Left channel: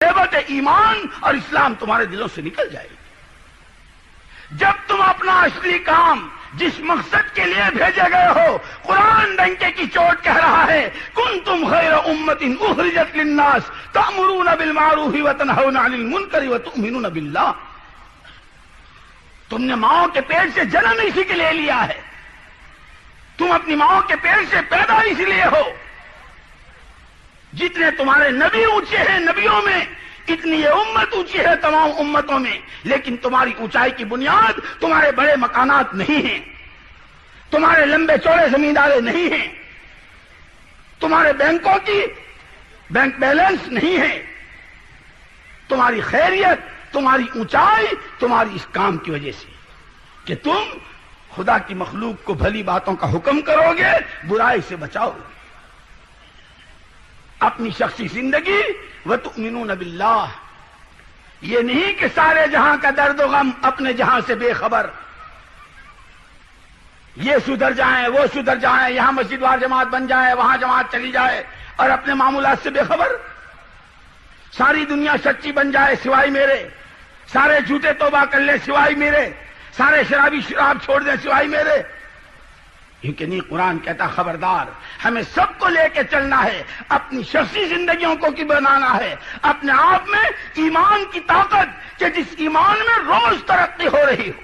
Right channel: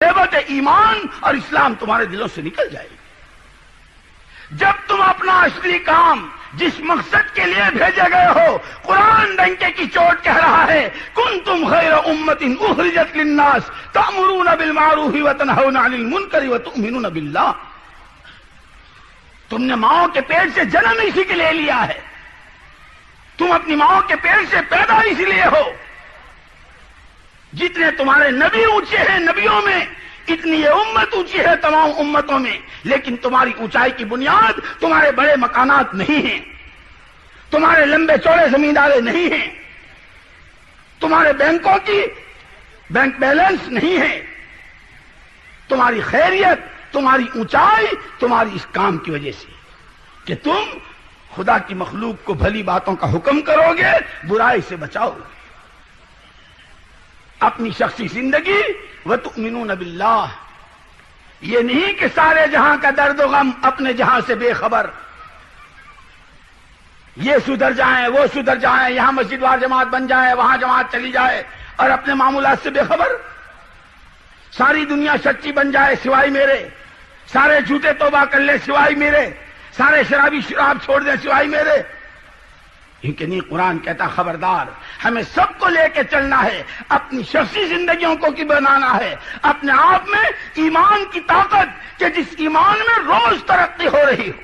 نعمت ایمان اور اسلام تمہارے دلوں سے نکل جائے گی۔ جب تم اپنا اصلی کام جس مقصد کے لیے بھیجے گئے ہو، قرآن ڈنکے کی چوٹ کہہ رہا ہے کنتم خیر امۃ اخرجت للناس تأمرون بالمعروف وتنہون عن المنکر وتؤمنون باللہ۔ تم نے ماؤں کے پیٹ سے جنم اسی کے لیے لیا ہے، تم اپنی ماؤں کے پیٹ سے پیدا اسی لیے ہو۔ جتنے تمہارے نبی اونچے ہیں نبیوں میں، اتنی یہ امت اونچی ہے تمام امتوں میں، لیکن تمہاری اونچائی کی بنیاد تمہارے بڑے مکانات نہیں ہیں، تمہارے لمبے چوڑے زمیندارے نہیں ہیں، تمہارے بینکوں کی بینک بیلنس نہیں ہے۔ تمہاری خیریت، تمہاری اونچائی تمہاری اس کام کی وجہ سے کہ تم خدا کی مخلوق کو بھلی باتوں کا حکم کرو گے، برائی سے بچاؤ گے۔ اپنی شخصی زندگی وتؤمنون باللہ، یہ نہیں کہ سارے جہاں کا درد و غم اپنے جہاں سے بے خبر، یہ سدھر جائیں وہ سدھر جائیں، یہاں مسجد وار جماعت بن جائے وہاں جماعت چلی جائے، اور اپنے معمولات سے بے خبر۔ ساری دنیا سچی بن جائے سوائے میرے، سارے جھوٹے توبہ کر لیں سوائے میرے، سارے شرابی شراب چھوڑ دیں سوائے میرے۔ لیکن یہ قرآن کہتا خبردار، ہمیں سب کو لے کے چلنا ہے، اپنی شخصی زندگیوں کو کی بنانا ہے، اپنے آپ میں ایمان کی طاقت کہ جس ایمان میں روز ترقی ہو رہی ہو،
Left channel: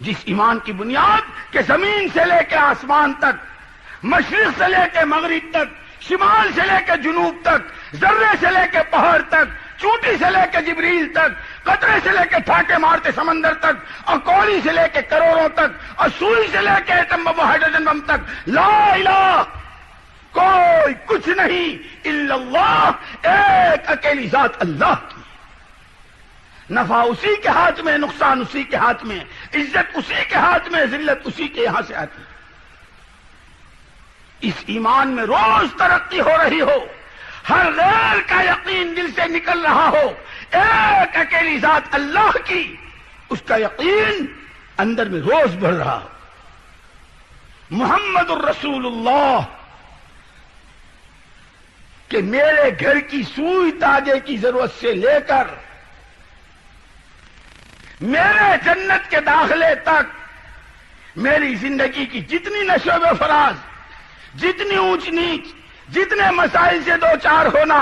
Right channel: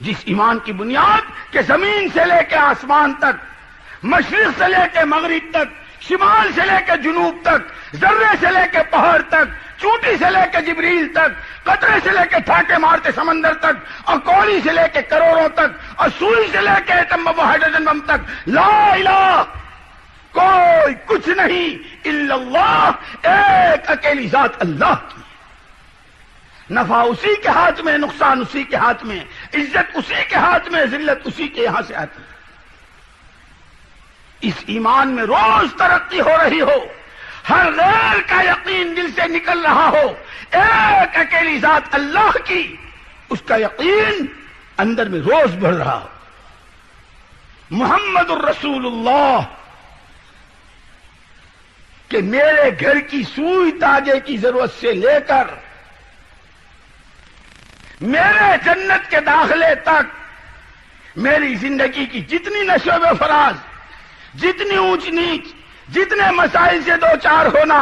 جس ایمان کی بنیاد کہ زمین سے لے کے آسمان تک، مشرق سے لے کے مغرب تک، شمال سے لے کے جنوب تک، ذرے سے لے کے پہاڑ تک، چوٹی سے لے کے جبریل تک، قطرے سے لے کے پھاٹے مارتے سمندر تک، اور کوڑی سے لے کے کروڑوں تک، اور سوئی سے لے کے ایٹم بم ہائیڈروجن بم تک، لا الہ کوئی کچھ نہیں الا اللہ، ایک اکیلی ذات اللہ کی۔ نفع اسی کے ہاتھ میں، نقصان اسی کے ہاتھ میں، عزت اسی کے ہاتھ میں، ذلت اسی کے یہاں سے آتی ہے۔ اس ایمان میں روز ترقی ہو رہی ہو، ہر غیر کا یقین دل سے نکل رہا ہو، ایک اکیلی ذات اللہ کی، اس کا یقین اندر میں روز بڑھ رہا ہو۔ محمد الرسول اللہ کہ میرے گھر کی سوئی تاجے کی ضرورت سے لے کر میرے جنت کے داخلے تک، میری زندگی کی جتنی نشو و فراز، جتنی اونچ نیچ، جتنے مسائل سے دو چار ہونا،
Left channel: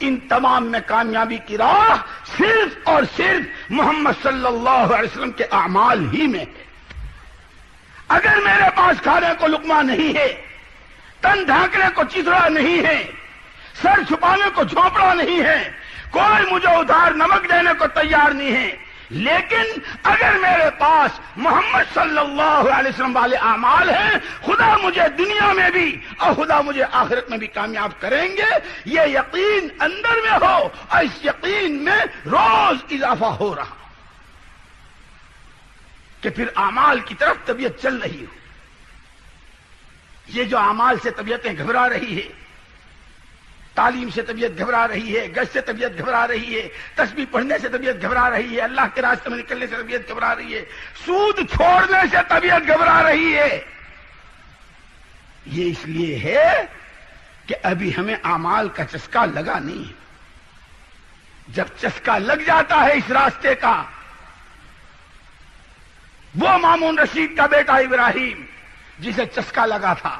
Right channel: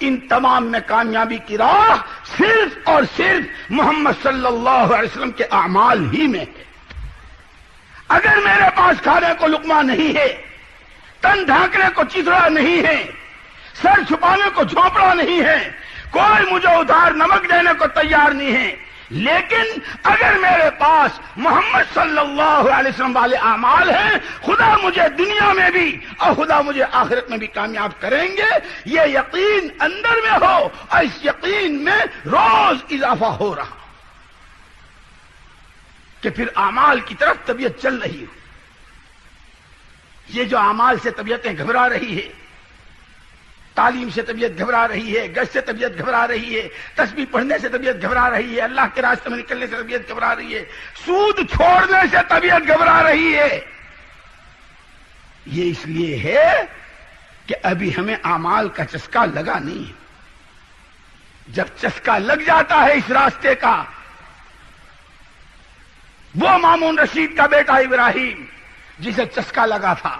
ان تمام میں کامیابی کی راہ صرف اور صرف محمد صلی اللہ علیہ وسلم کے اعمال ہی میں ہے۔ اگر میرے پاس کھانے کو لقمہ نہیں ہے، تن ڈھانکنے کو چترا نہیں ہے، سر چھپانے کو جھونپڑا نہیں ہے، کوئی مجھے ادھار نمک دینے کو تیار نہیں ہے، لیکن اگر میرے پاس محمد صلی اللہ علیہ وسلم والے اعمال ہیں، خدا مجھے دنیا میں بھی اور خدا مجھے آخرت میں بھی کامیاب کریں گے، یہ یقین اندر میں ہو، اور اس یقین میں روز اضافہ ہو رہا کہ پھر اعمال کی طرف طبیعت چل رہی ہے۔ یہ جو اعمال سے طبیعتیں گھبرا رہی ہے، تعلیم سے طبیعت گھبرا رہی ہے، گز سے طبیعت گھبرا رہی ہے، تسبیح پڑھنے سے طبیعت گھبرا رہی ہے، اللہ کے راستے میں نکلنے سے طبیعت گھبرا رہی ہے، سود چھوڑنے سے طبیعت گھبرا رہی ہے، یہ اس لیے ہے کہ ابھی ہمیں اعمال کا چسکا لگا نہیں ہے۔ جب چسکا لگ جاتا ہے اس راستے کا، وہ مامون رشید کا بیٹا ابراہیم جسے چسکا لگا تھا،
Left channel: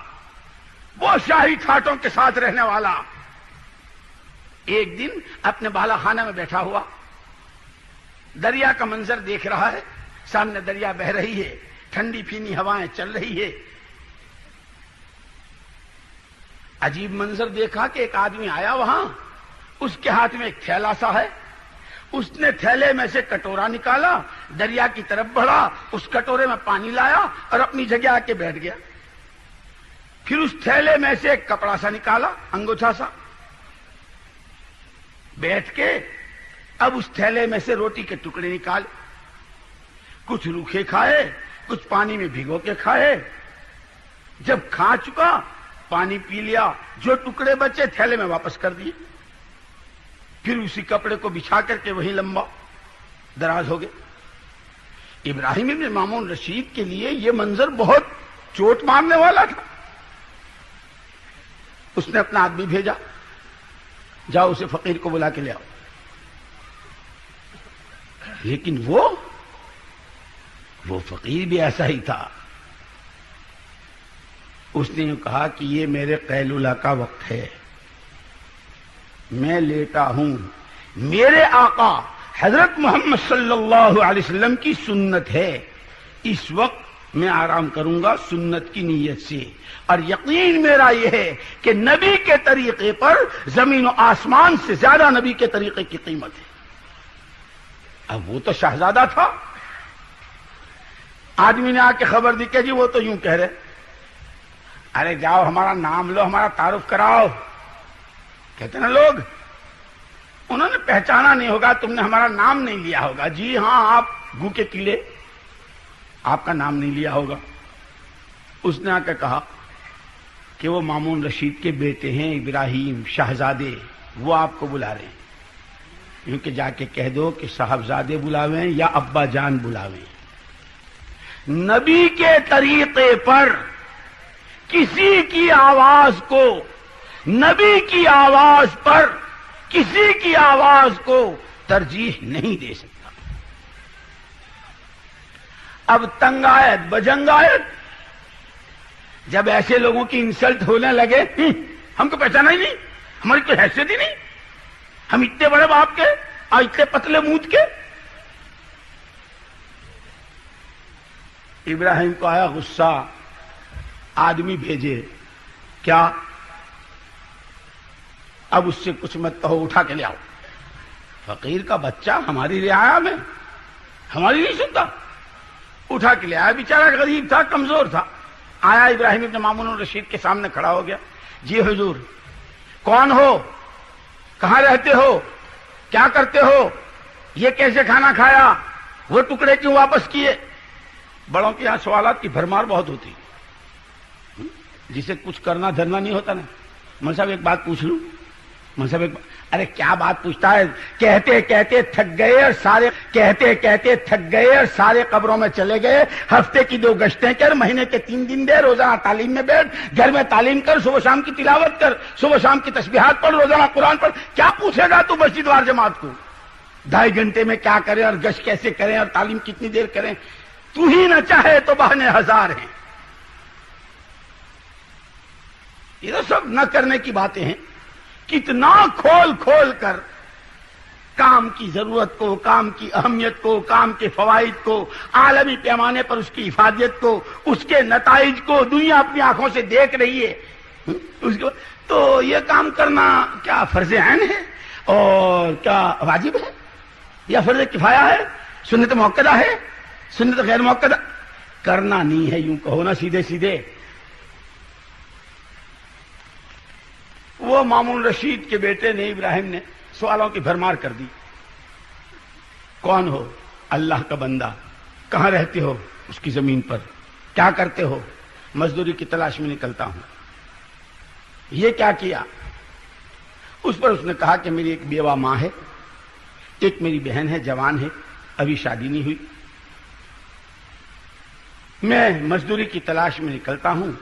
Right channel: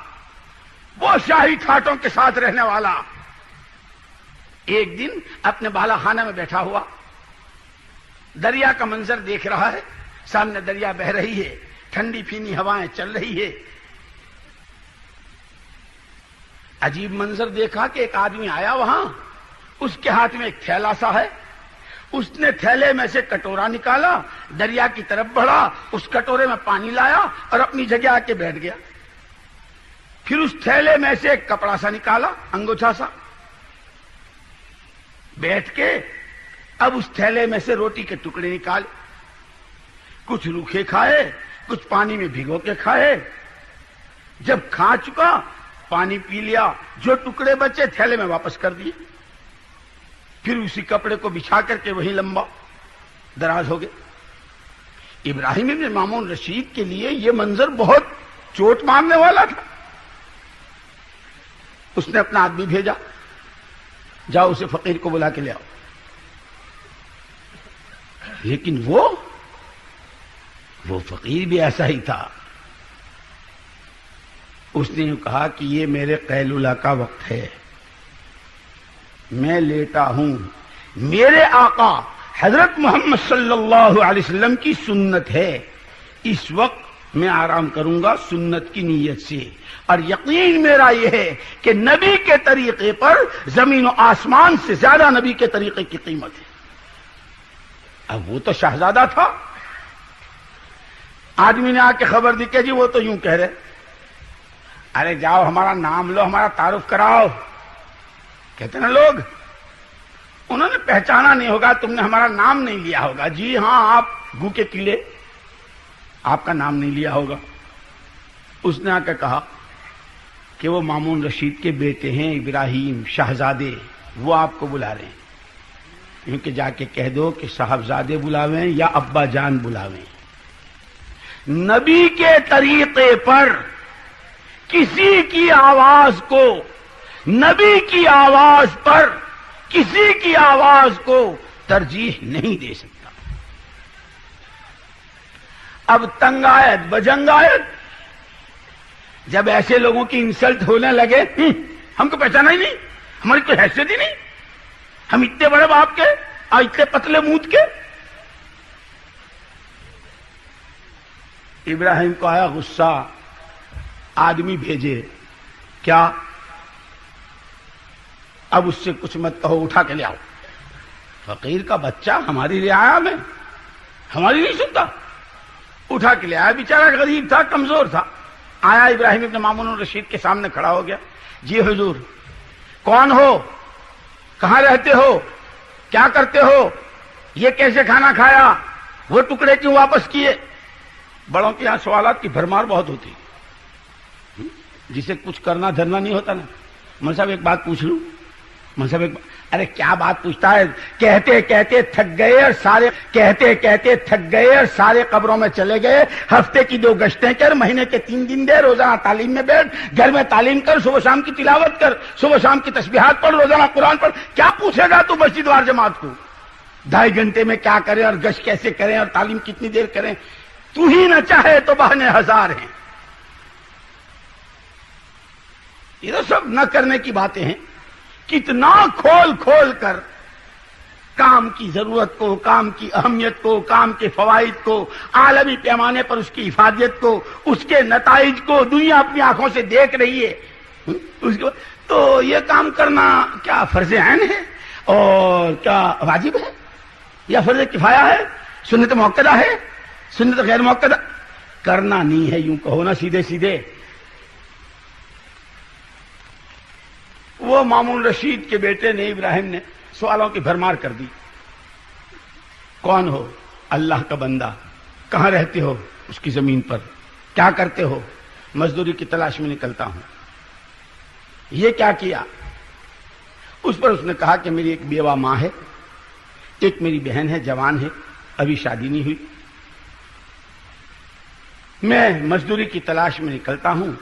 وہ شاہی کھاٹوں کے ساتھ رہنے والا، ایک دن اپنے بالا خانہ میں بیٹھا ہوا دریا کا منظر دیکھ رہا ہے، سامنے دریا بہ رہی ہے، ٹھنڈی پھینی ہوائیں چل رہی ہے۔ عجیب منظر دیکھا کہ ایک آدمی آیا وہاں، اس کے ہاتھ میں ایک تھیلا سا ہے، اس نے تھیلے میں سے کٹورا نکالا، دریا کی طرف بڑھا، اس کٹورے میں پانی لایا اور اپنی جگہ آ کے بیٹھ گیا۔ پھر اس تھیلے میں سے ایک کپڑا سا نکالا، انگوچھا سا، بیٹھ کے اب اس تھیلے میں سے روٹی کے ٹکڑے نکالے، کچھ روکھے کھائے، کچھ پانی میں بھگو کے کھائے۔ جب کھا چکا، پانی پی لیا، جو ٹکڑے بچے تھیلے میں واپس کر دیے، پھر اسی کپڑے کو بچھا کر کے وہی لمبا دراز ہو گئے۔ ابراہیم بن مامون رشید کے لیے یہ منظر بہت چوٹ مارنے والا تھا۔ اس نے اپنا آدمی بھیجا، جاؤ اسے فقیر کو بلا کے لے آؤ. لیکن وہ فقیر بھی ایسا ہی تھا. اس نے یوں کہا کہ یہ میرے قیلولہ کا وقت ہے، میں لیتا ہوں. میرے آقا حضرت محمد صلی اللہ علیہ وسلم کی سنت ہے، اس وقت میں آرام کروں گا سنت کی نیت سے. اور یقین میرا یہ ہے کہ نبی کے طریقے پر زمین و آسمان سے زیادہ نبی کے طریقے کی قیمت ہے. اب وہ تو شہزادہ تھا. آدمی نے آ کے خبر دی کہ جی وہ تو یوں کہہ رہے. ارے جاؤ ہمارا نام لو، ہمارا تعارف کراؤ. کہتے نا لوگ، انہوں نے پہچانا نہیں ہوگا، تم نے ہمارا نام نہیں لیا ہوگا. جی ہاں، آپ گو کے پیلے، آپ کا نام نہیں لیا ہوگا. اس نے آ کے کہا کہ وہ مامون رشید کے بیٹے ہیں ابراہیم شہزادے، وہ آپ کو بلا رہے ہیں. کیونکہ جا کے کہہ دو کہ صاحبزادے بلاویں یا ابا جان بلاویں. نبی کے طریقے پر کسی کی آواز کو، نبی کی آواز پر کسی کی آواز کو ترجیح نہیں دے سکتا. اب تنگایت بجنگایت، جب ایسے لوگوں کی انسلٹ ہونے لگے، ہم کو پہچانا ہی نہیں، ہماری کوئی حیثیت ہی نہیں، ہم اتنے بڑے باپ کے اور اتنے پتلے منہ کے. ابراہیم کو آیا غصہ، آدمی بھیجے. کیا؟ اب اس سے کچھ مت کہو، اٹھا کے لے آؤ. فقیر کا بچہ ہماری رعایا میں، ہماری نہیں سنتا. اٹھا کے لے آیا. بیچارہ غریب تھا، کمزور تھا. آیا ابراہیم ابن مامون رشید کے سامنے کھڑا ہو گیا. جی حضور، کون ہو؟ کہاں رہتے ہو؟ کیا کرتے ہو؟ یہ کیسے کھانا کھایا؟ وہ ٹکڑے کیوں واپس کیے؟ بڑوں کے یہاں سوالات کی بھرمار بہت ہوتی، جسے کچھ کرنا دھرنا نہیں ہوتا نا. من صاحب ایک بات پوچھ لوں؟ من صاحب ایک ارے کیا بات پوچھتا ہے؟ کہتے کہتے تھک گئے اور سارے، کہتے کہتے تھک گئے اور سارے قبروں میں چلے گئے. ہفتے کی 2 گشتیں کر، مہینے کے 3 دن دے، روزانہ تعلیم میں بیٹھ، گھر میں تعلیم کر، صبح شام کی تلاوت کر، صبح شام کی تسبیحات پڑھ، روزانہ قرآن پڑھ. کیا پوچھے گا تو مسجد وار جماعت کو 2.5 گھنٹے میں کیا کریں اور گشت کیسے کریں اور تعلیم کتنی دیر کریں؟ تو ہی نہ چاہے تو بہانے ہزار ہیں. یہ تو سب نہ کرنے کی باتیں ہیں. کتنا کھول کھول کر کام کی ضرورت کو، کام کی اہمیت کو، کام کے فوائد کو، عالمی پیمانے پر اس کی افادیت کو، اس کے نتائج کو دنیا اپنی آنکھوں سے دیکھ رہی ہے. اس کو تو یہ کام کرنا کیا فرض عین ہے اور کیا واجب ہے یا فرض کفایہ ہے، سنت موقدہ ہے، سنت غیر موقدہ؟ کرنا نہیں ہے، یوں کہو نا سیدھے سیدھے. وہ مامون رشید کے بیٹے نے، ابراہیم نے سوالوں کی بھرمار کر دی. کون ہو؟ اللہ کا بندہ. کہاں رہتے ہو؟ اس کی زمین پر. کیا کرتے ہو؟ مزدوری کی تلاش میں نکلتا ہوں. یہ کیا کیا؟ اس پر اس نے کہا کہ میری ایک بیوہ ماں ہے، ایک میری بہن ہے، جوان ہے، ابھی شادی نہیں ہوئی. میں مزدوری کی تلاش میں نکلتا ہوں.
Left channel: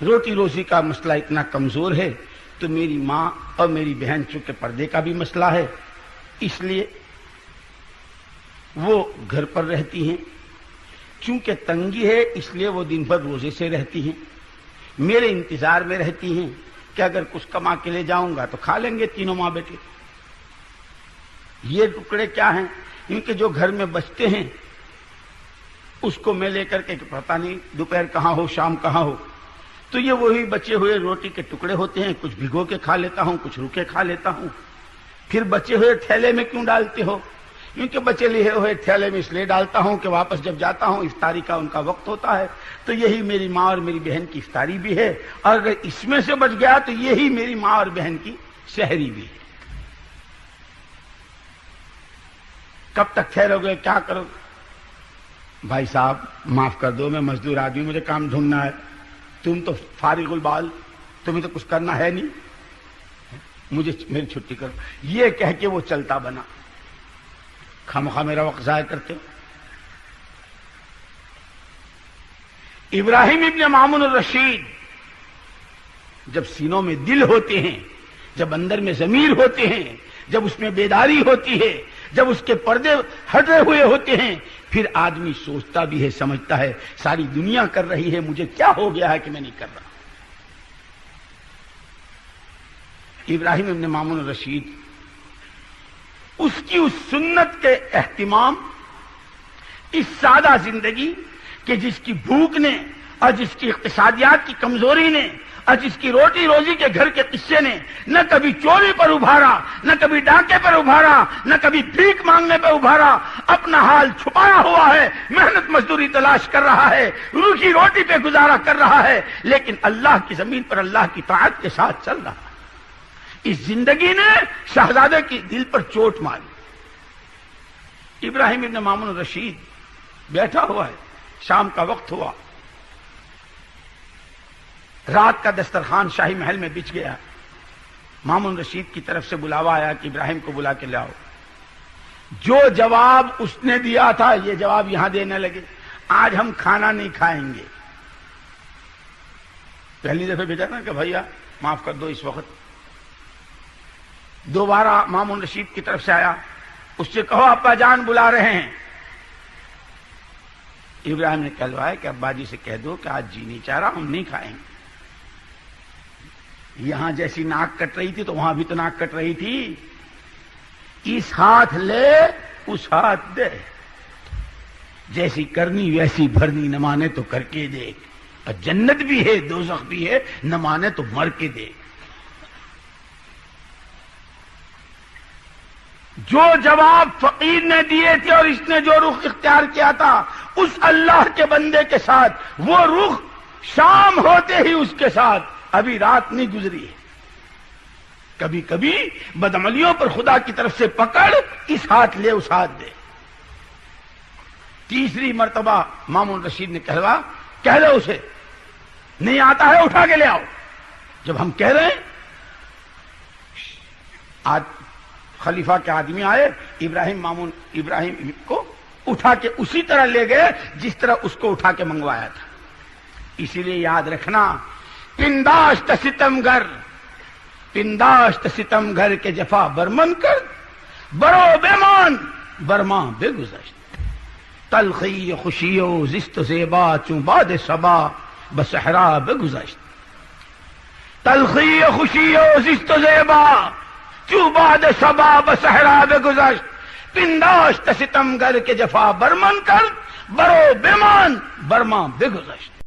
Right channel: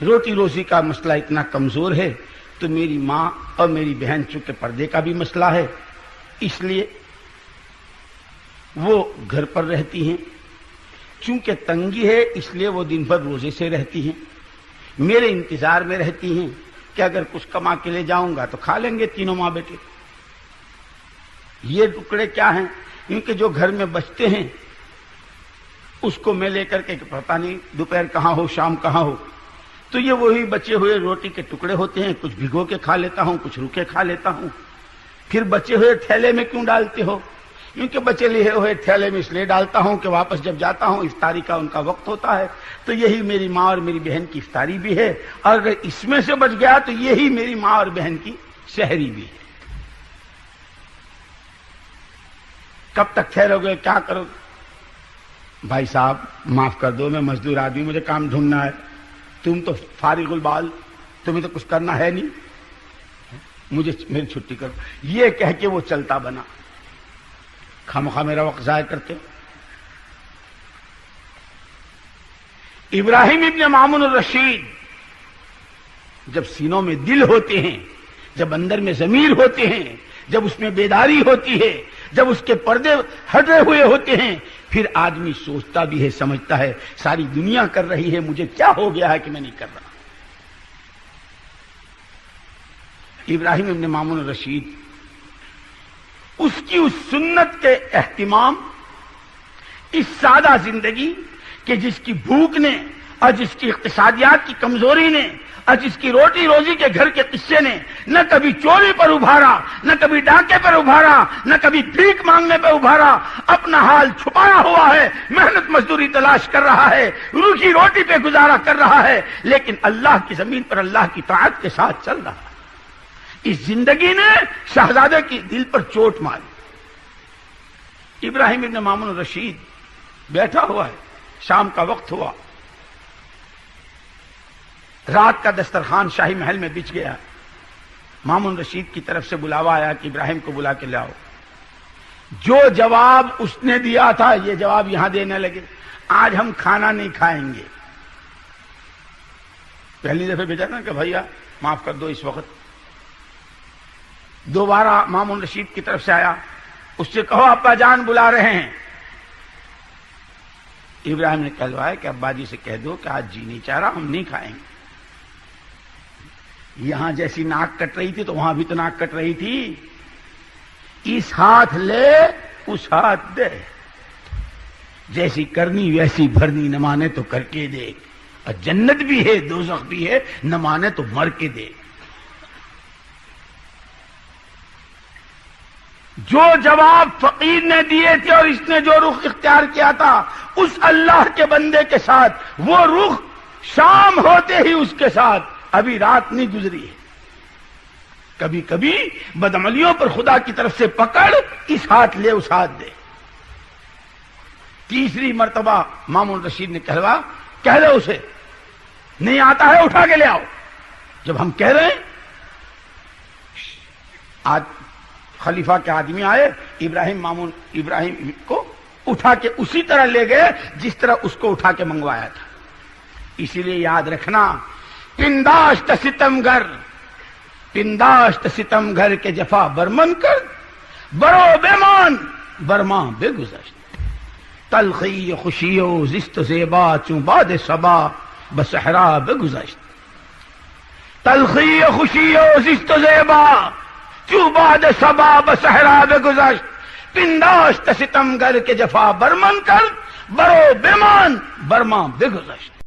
روٹی روزی کا مسئلہ اتنا کمزور ہے تو میری ماں اور میری بہن چونکہ پردے کا بھی مسئلہ ہے، اس لیے وہ گھر پر رہتی ہیں. چونکہ تنگی ہے اس لیے وہ دن بھر روزے سے رہتی ہیں. میرے انتظار میں رہتی ہیں کہ اگر کچھ کما کے لے جاؤں گا تو کھا لیں گے تینوں ماں بیٹے. یہ ٹکڑے کیا ہیں؟ ان کے جو گھر میں بچتے ہیں اس کو میں لے کر کے پتہ نہیں دوپہر کہاں ہو، شام کہاں ہو. تو یہ وہی بچے ہوئے روٹی کے ٹکڑے ہوتے ہیں، کچھ بھگو کے کھا لیتا ہوں، کچھ روکے کھا لیتا ہوں. پھر بچے ہوئے تھیلے میں کیوں ڈالتے ہو؟ کیونکہ بچے لیے ہوئے تھیلے میں اس لیے ڈالتا ہوں کہ واپس جب جاتا ہوں افطاری کا ان کا وقت ہوتا ہے. تو یہی میری ماں اور میری بہن کی افطاری بھی ہے، اور اگر اس میں سے بچ گیا تو یہی میری ماں اور بہن کی سحری بھی ہے. کب تک ٹھہرو گے؟ کیا کرو؟ بھائی صاحب معاف کر دو، میں مزدور آدمی، مجھے کام ڈھونڈنا ہے. تم تو فارغ البال، تمہیں تو کچھ کرنا ہے نہیں، مجھے میری چھٹی کرو. یہ کہہ کے وہ چلتا بنا. خامخواہ میرا وقت ضائع کرتے. ابراہیم ابن مامون الرشید جب سینوں میں دل ہوتے ہیں، جب اندر میں ضمیر ہوتے ہیں، جب اس میں بیداری ہوتی ہے، جب اس کے پردے ہٹے ہوئے ہوتے ہیں، پھر آدمی سوچتا بھی ہے، سمجھتا ہے ساری دنیا کر رہی ہے، مجھے کیا ہو گیا ہے کہ میں نہیں کر رہا۔ ابراہیم ابن مامون الرشید اس کی اس سنت کے اہتمام، اس سادہ زندگی کہ جس کی بھوک نے اور جس کی اقتصادیات کی کمزوری نے اور جس کی روٹی روزی کے گھر کے قصے نے نہ کبھی چوری پر ابھارا، نہ کبھی ڈاکے پر ابھارا، نہ کبھی بھیک مانگنے پر ابھارا، اپنا حال چھپایا ہوا ہے، محنت مزدوری تلاش کر رہا ہے، روزی روٹی پہ گزارا کر رہا ہے، لیکن اللہ کی زمین پر اللہ کی طاعت کے ساتھ چل رہا ہے۔ اس زندگی نے شہزادے کی دل پر چوٹ ماری۔ ابراہیم ابن مامون الرشید بیٹھا ہوا ہے، شام کا وقت ہوا، رات کا دسترخوان شاہی محل میں بچھ گیا۔ مامون رشید کی طرف سے بلاوا آیا کہ ابراہیم کو بلا کے لاؤ۔ جو جواب اس نے دیا تھا یہ جواب یہاں دینے لگے، آج ہم کھانا نہیں کھائیں گے۔ پہلی دفعہ بھیجا نا کہ بھیا معاف کر دو، اس وقت دوبارہ مامون رشید کی طرف سے آیا، اس سے کہو ابا جان بلا رہے ہیں۔ ابراہیم نے کہلوایا کہ ابا جی سے کہہ دو کہ آج جی نہیں چاہ رہا، ہم نہیں کھائیں گے۔ یہاں جیسی ناک کٹ رہی تھی تو وہاں بھی تو ناک کٹ رہی تھی۔ اس ہاتھ لے اس ہاتھ دے، جیسی کرنی ویسی بھرنی، نہ مانے تو کر کے دے، اور جنت بھی ہے دوزخ بھی ہے، نہ مانے تو مر کے دے۔ جو جواب فقیر نے دیے تھے اور اس نے جو رخ اختیار کیا تھا، اس اللہ کے بندے کے ساتھ وہ رخ شام ہوتے ہی اس کے ساتھ ابھی رات نہیں گزری ہے۔ کبھی کبھی بدعملیوں پر خدا کی طرف سے پکڑ، اس ہاتھ لے اس ہاتھ دے۔ تیسری مرتبہ مامون رشید نے کہہ دو اسے، نہیں آتا ہے اٹھا کے لے آؤ۔ جب ہم کہہ رہے ہیں، آج خلیفہ کے آدمی آئے، ابراہیم کو اٹھا کے اسی طرح لے گئے جس طرح اس کو اٹھا کے منگوایا تھا۔ اسی لیے یاد رکھنا، پنداشت ستم گھر کے جفا برمن کر، برو بیمان برما بے گزر۔ تلخی خوشی و زشت زیبا چوں باد صبا بصحرا بے گزشت۔ تلخی خوشی و زشت زیبا چوں باد صبا بصحرا بے گزشت۔ پنداشت ستم گھر کے جفا برمن کر، برو بیمان برما بے گزشت۔